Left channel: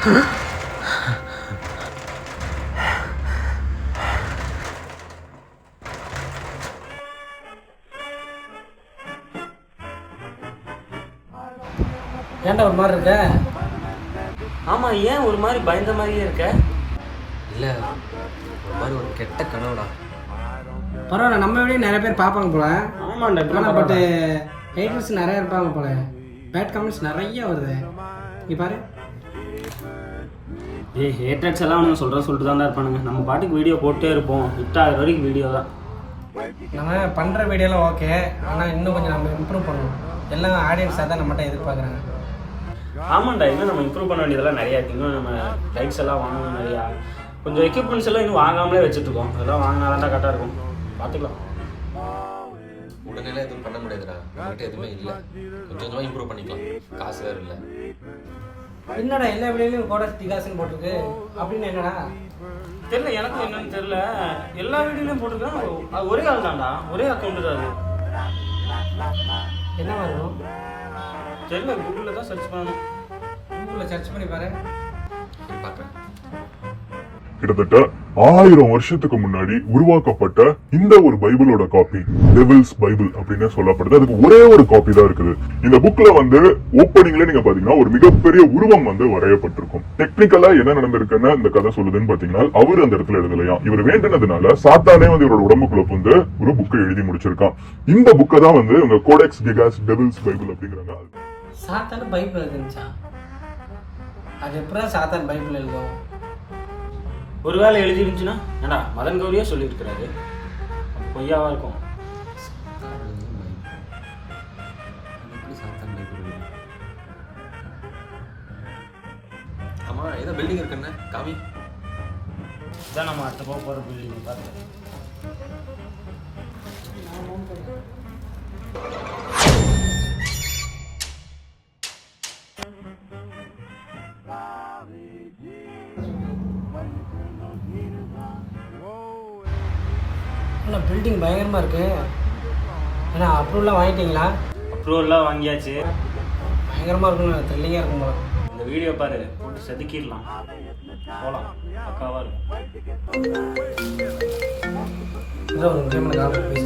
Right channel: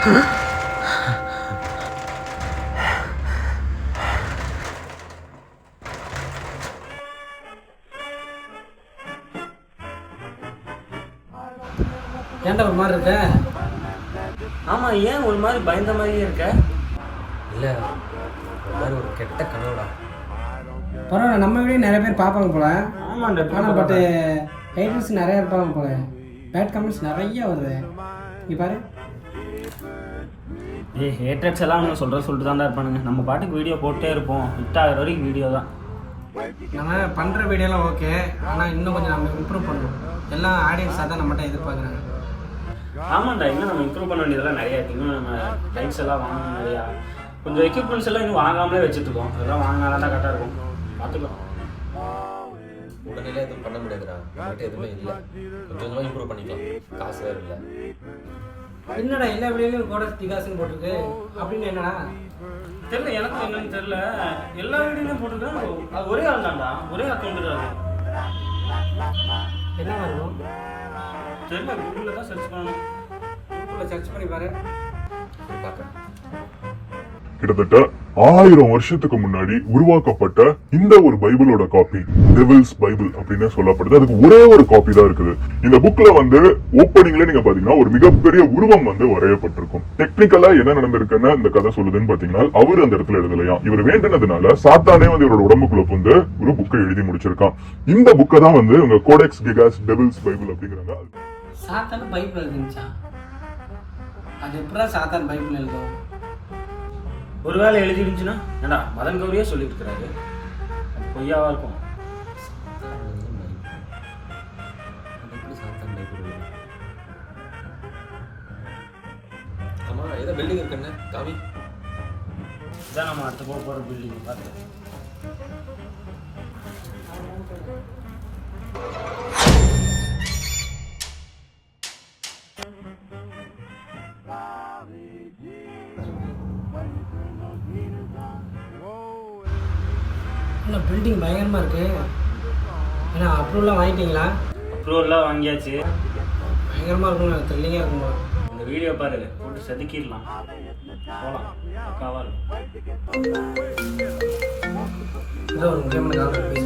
ஏன்டா ஒரு மாதிரி இருக்க? ஆமாம், ஏன் ஒரு மாதிரி பயந்த மாதிரியே இருக்க? இல்லை, ஒரு மாதிரி ஒரு கெட்ட கனவுடா. பரவாயில்ல, நம்ம விட நிறைய பேர் பார்ப்பாங்க போல. ஆமாண்டா. ஆனால் பட்டு ஹேட்டர்ஸ் நிறைய இருப்பாங்க போல. பேட் கமெண்ட்ஸ் நிறைய வருது. நீ பாரு. ஹேட்டர்ஸ் எல்லாம் அவங்க சொல்லிட்டு தான் இருப்பானுங்க. நம்ம பாட்டுக்கு வீடியோ போட்டே இருப்போம். ஹிட் ஆகிற வரைக்கும் வீடியோ தான். ஆனால் பண்ணுற வீடியோலாம் ஓகே, ஆனால் இன்னும் கொஞ்சம் நம்ம இம்ப்ரூவ் பண்ணணும். எல்லாம் ஆடியன்ஸாக தான் நம்மகிட்ட எதிர்பார்க்குறாங்க. ஆமாண்டா, இன்னும் நம்ம இம்ப்ரூவ் பண்ண வேண்டியதெல்லாம் நிறையா இருக்குது. இன்னும் நம்ம லைட்ஸ் எல்லாம் வாங்கணும் நிறையா. கொஞ்சம் எக்யூப்மெண்ட்ஸ் எல்லாம் இன்னும் வாங்காமலே வச்சுருக்கோம். அதெல்லாம் வாங்கினாலும் தான் கரெக்டாக இருக்கும். பார்த்துக்கலாம். உடனே எதுவும் பண்ண முடியாதுடா. நம்மகிட்ட எதுவுமே இல்லை. கொஞ்சம் கொஞ்சமாக இம்ப்ரூவ் பண்ணிக்கலாம். காசு வேறு இல்லை. என்னடா எல்லா வீடியோலையும் கோடஸ் திகாசுன்னு போட்டிருக்கு அப்படின்னு? என்னடா தெரியல, எனக்கும் என்னன்னு தெரியல. எல்லா வீடியோலையும் போட்டிருக்கேன். அது ஒரே ஆள் தான்டா, ஒரே அக்கௌண்ட் தான். என்ன வரும் தெரியல, கூகுளில் தான் சர்ச் பண்ணணும். கூகுளில் சர்ச் பண்ணி பாரு. பார்க்குறேன். கிட்டத்தட்ட 1000 வருஷத்துக்கு முன்னாடி உருவாக்கப்பட்ட இந்த ஒரு பைபிளோட காப்பி டெவில்ஸ் பைபிள் அப்படின்னு சொல்லப்படுது. அதுக்கு ஒரே ஒரு காப்பி தான் இருக்குது. இந்த புக்ல ஓப்பனிங்ல நீங்க பாத்தீங்கன்னா ஒரு மிகப்பெரிய உருவம் வரையப்பட்டிருக்கும். டெக்னிக்கலா என்ன நடந்திருக்குன்னு இந்த கதை சொல்லுதுன்னு பாத்தீங்கன்னா, அவர் அந்த இடத்துல எழுதலையா, இவர் வேண்டினதுனால சாத்தானே இவரோட உடம்புக்குள்ள வந்து ஒரு புக்கை எழுதி முடிச்சிருக்கான். இந்த புக்கை தான் இவங்க கோடெக்ஸ் கிகாஸ் டெவில்ஸ் பைபிள் அப்படிங்கிறாங்க. சாத்தான் பைபிள் எழுதுச்சா? அது எப்படா சாத்தான் பைபிள் எழுதும்? ஒருவேளை எழுதிருந்துச்சுன்னா ஏன்னா மதன் கௌரியே சொல்லியிருக்கிறாரு. பொய்யாவா இருக்கும். ஆமா, ஏதோ பில்டிங் இருக்குன்னு காவி. இதான் நம்ம அடுத்த போகிற பில்டிங். பார்த்து இல்லை, பில்டிங் பயங்கரமாக இருக்கு. ஏன்னா அப்ரூவெலாம் வாங்கிட்டீங்களா? அப்ரூவல்லாம் வாங்கியாச்சு. பயங்கரமாக இருக்கும், த்ரில்லிங்காக இருக்குமா? இந்த வீடியோ பாரு, போட்டு செதுக்கிடலாம். போகலாம், பக்காவாக இருக்கும். இதான் ஒரு முக்கியமான காரணம்.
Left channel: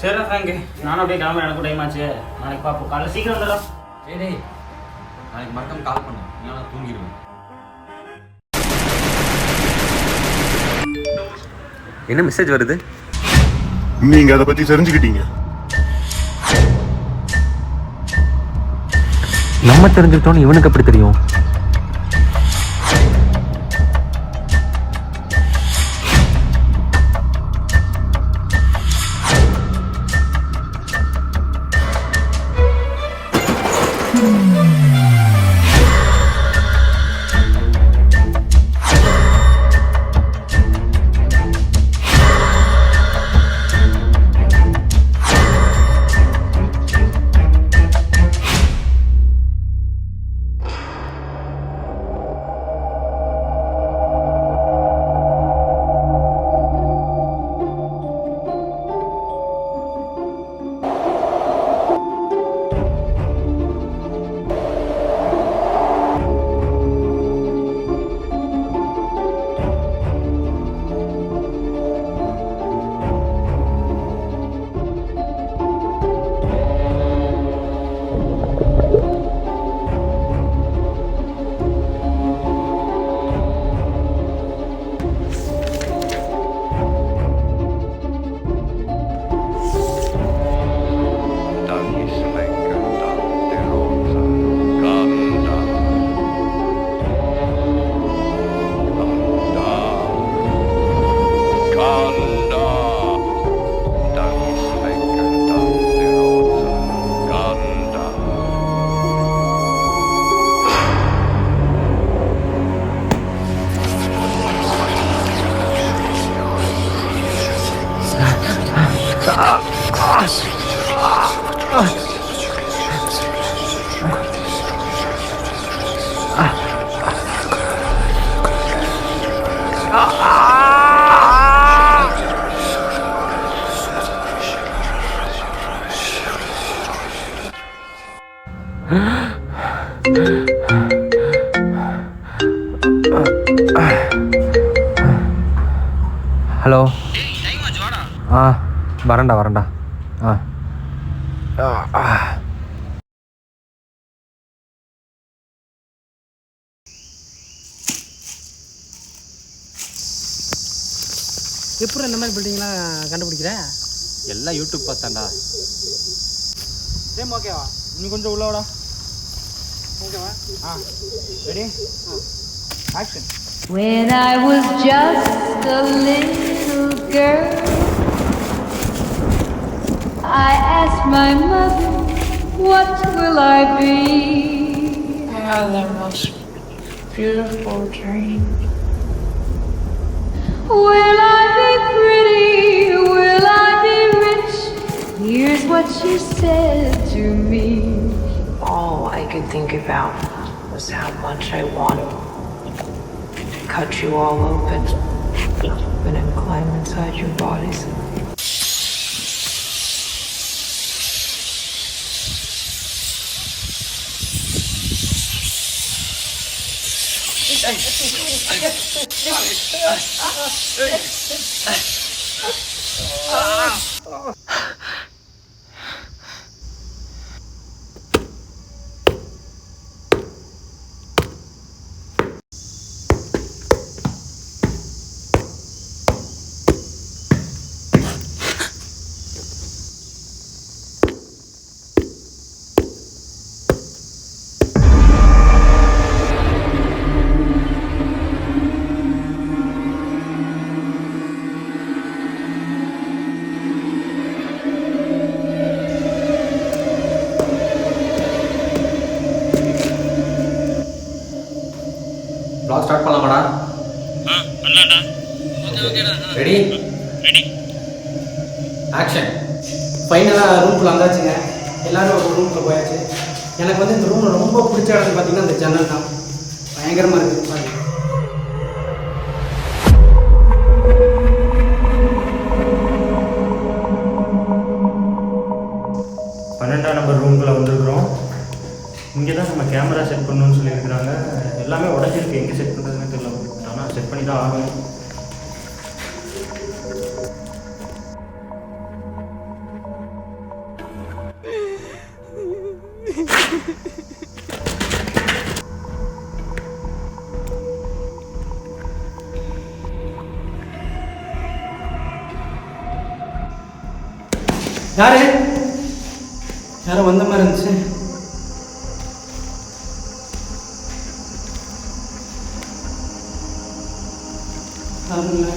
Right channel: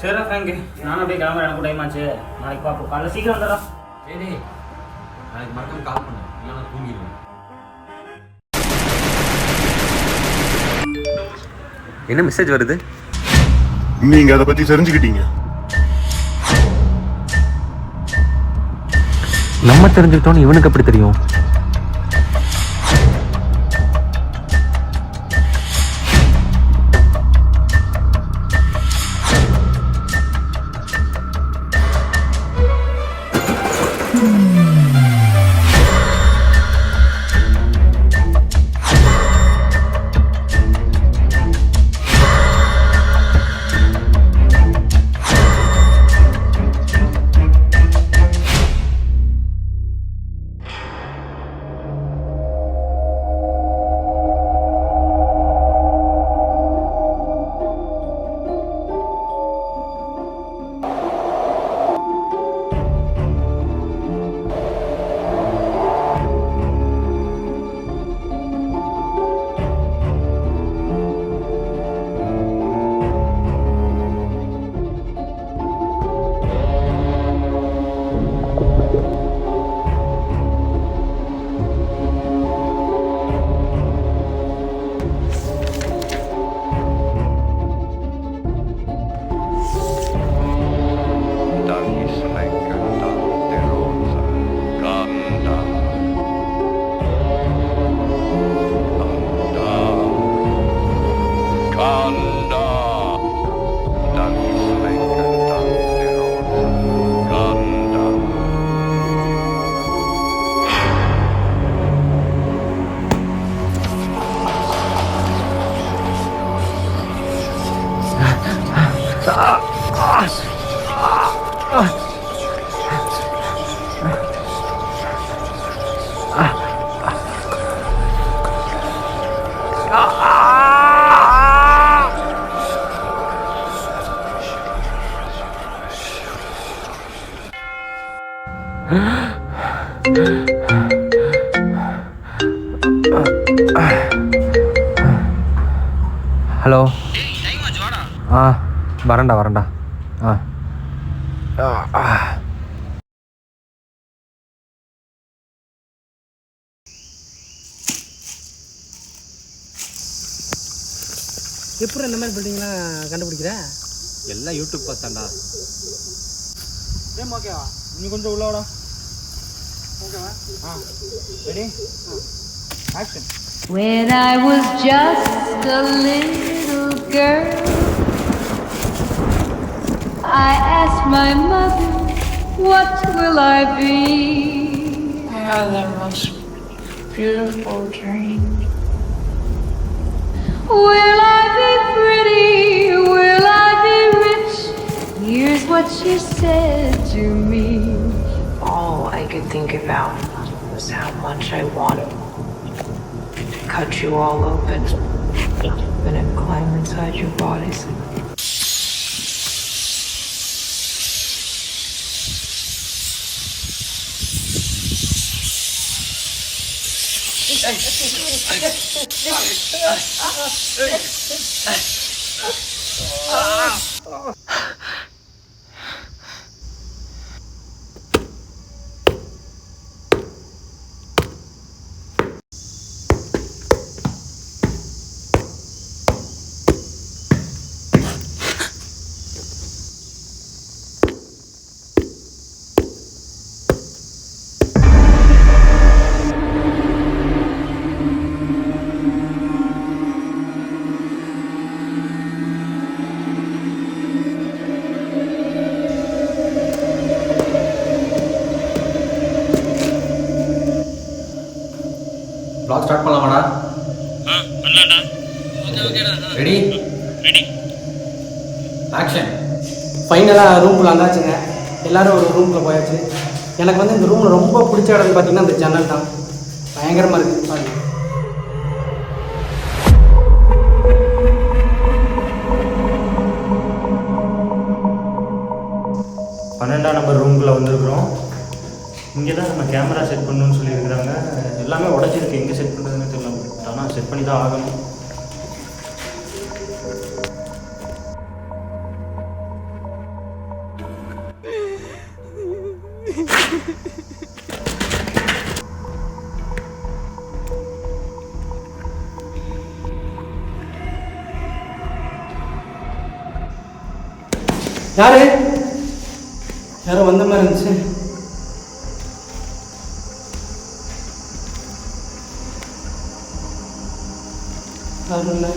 சரிடா ஃப்ராங்கு, நானும் அப்படியே கிளம்புறேன். எனக்கு டைம் ஆச்சு. நாளைக்கு பார்ப்போம். காலைல சீக்கிரம் வந்துடலாம். சரி, நாளைக்கு மறக்காம கால் பண்ணு. இல்லைன்னா தூங்கிடுவேன். என்ன மெசேஜ் வருது? நீங்க அதை பத்தி தெரிஞ்சுக்கிட்டீங்க. நம்ம தெரிஞ்சுக்கிட்டோன்னு இவனுக்கு எப்படி தெரியும்? ஹலோ. ஆ வரேன்டா. ஆ. எப்படி இந்த மாதிரி பில்டிங்லாம் கண்டுபிடிக்கிற? எல்லாம் யூடியூப் பார்த்தாண்டா. சேம் ஓகேவா? இன்னும் கொஞ்சம் உள்ள வாடா. ஓகேவா? Ready? Action. When I was just a little girl, I asked my mother, what will I be? I had the most beautiful dream. Will I be pretty? Will I be rich? Here's what she said to me. All I could think about was how much I wanted to cut you all open and then climb inside your bodies. vlog start பண்ணலாமாடா? பண்ணலாம்டா. Ready? Action. ஃபைனலாக ரூம்குள்ளே வந்தாச்சுங்க. எல்லோரும் ஒரு ரூமில் போயாச்சு. எனக்கு வந்து இந்த ரூமில் ரொம்ப பிடிச்ச இடம் பார்த்தீங்கன்னா இந்த ஜன்னல் தான். பயங்கரமாக இருக்குது பாருங்க. நம்பர் ரூம்குள்ளே வந்திருக்கிறோம். இங்கே தான் நம்ம கேமரா செட் பண்ணணும்னு சொல்லியிருக்கிறாங்க. எல்லாமே உடஞ்சிருக்கு, எங்கே செட் பண்ணுறதுன்னு தெரியல. ஆனால் செட் பண்ணி தான் ஆகணும். யாரோ வந்த மாதிரி இருந்துச்சு. யாரும் இல்லை.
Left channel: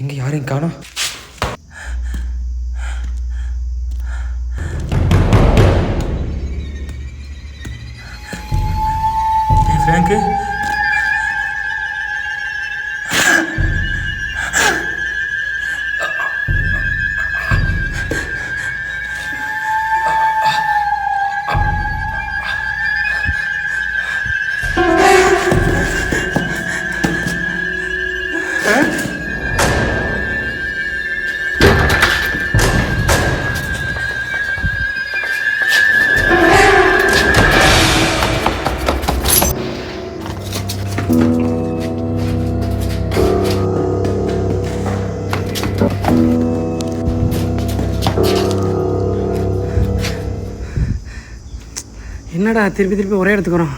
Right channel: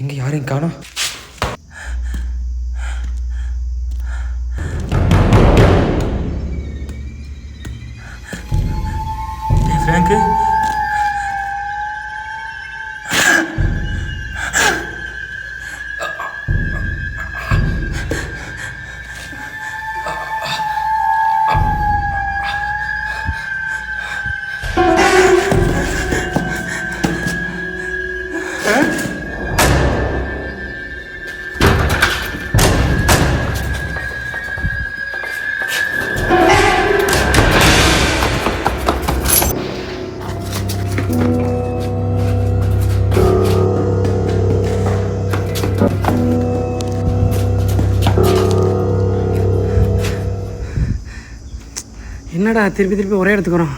எங்கே யாரையும் காணோம். ஃப்ராங்கு என்னடா திருப்பி திருப்பி ஒரே இடத்துக்கு வரோம்.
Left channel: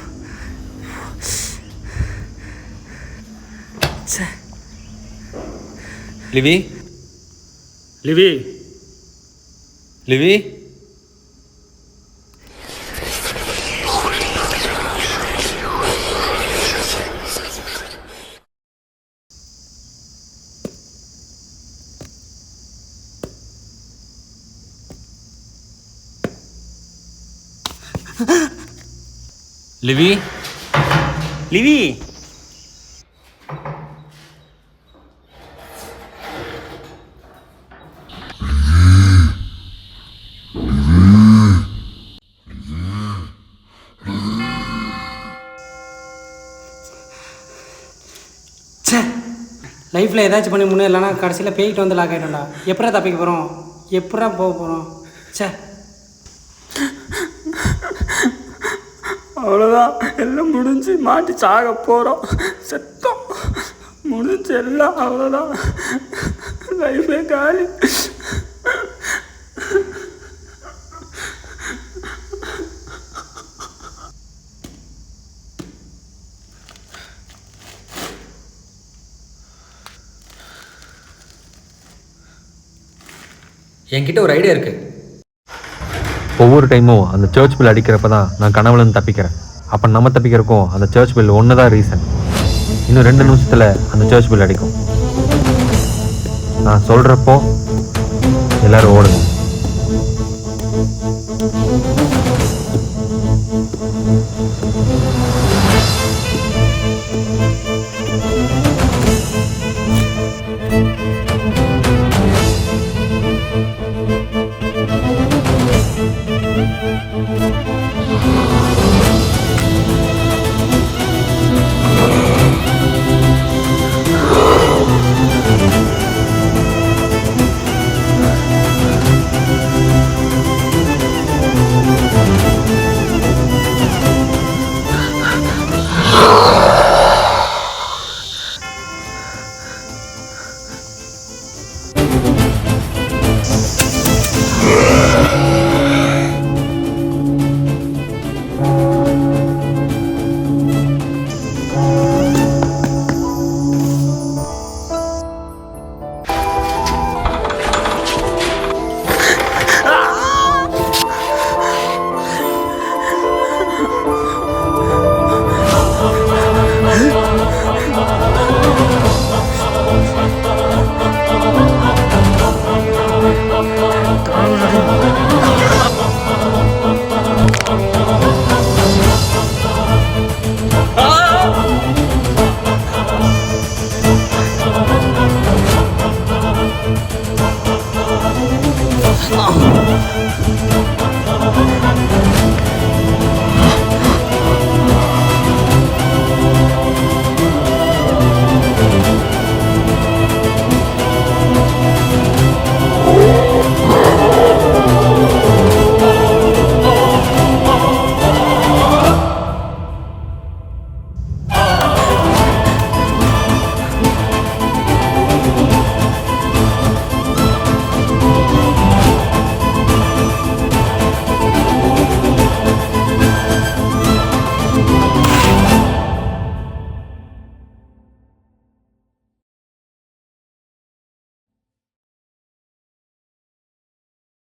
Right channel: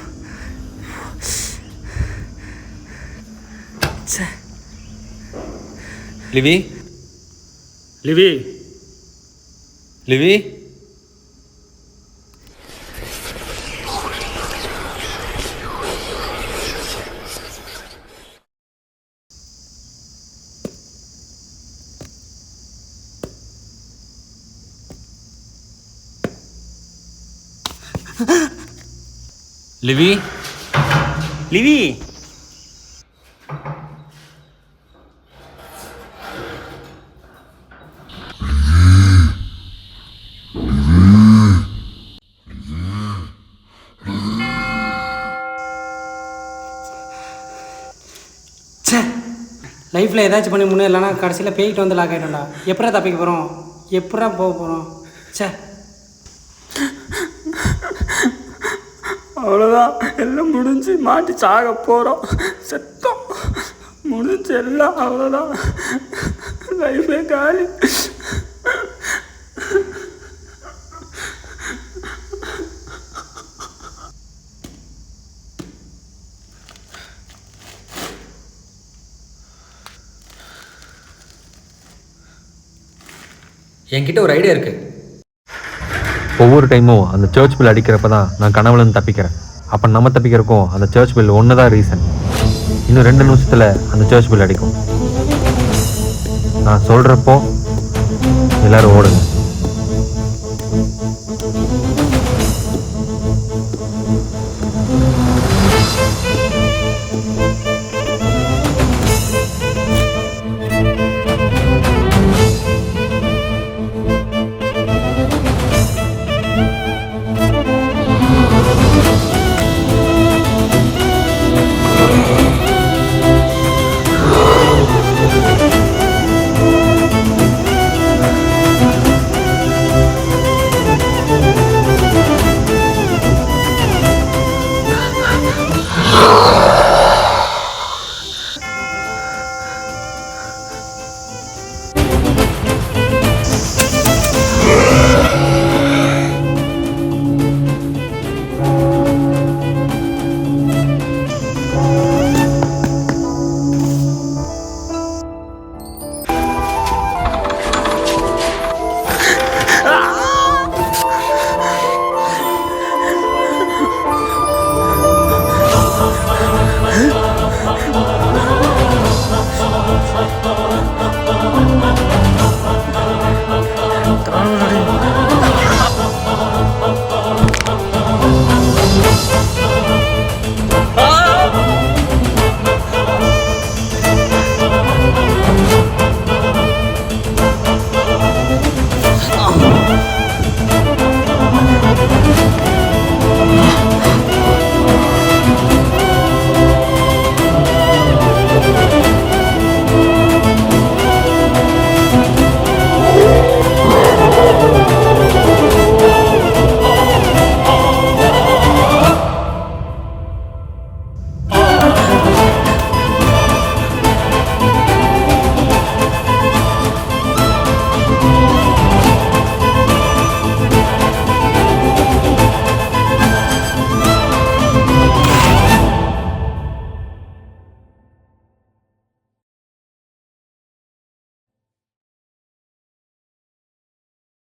Livy Livy Livy Livy Livy லைஃப்பில் ஏதாச்சும் பண்ணி முன்னே இல்லைனா கடைசியில் பேய்கிட்டு வந்து லாக் ஆகிட்டோம்டா. எப்படா தப்பிக்க போகிறோம், எப்படா போக போகிறோம்? சே அவ்வளோதான், எல்லாம் முடிஞ்சு மாட்டி சாக போகிறோம். செத்தோம், முடிஞ்சு எல்லாம் அவ்வளோதான், லைஃபே காலி. என்கிட்ட ஒரு ஐடியா இருக்கு. ஒவ்வொரு டைமும் அந்த சர்ச் பில் அடிக்கிறப்ப தான் நான் கனவுலேருந்து தப்பிக்கிறேன். அப்போ நம்ம தப்பிக்கிறக்கும் அந்த சர்ச் பில் ஒன்று தான் ரீசன். இன்னும் 2 நிமிஷத்தில் அந்த சர்ச் பில் அடிக்கும். நான் சொல்கிறப்போ எல்லோரும் ஓடுங்க.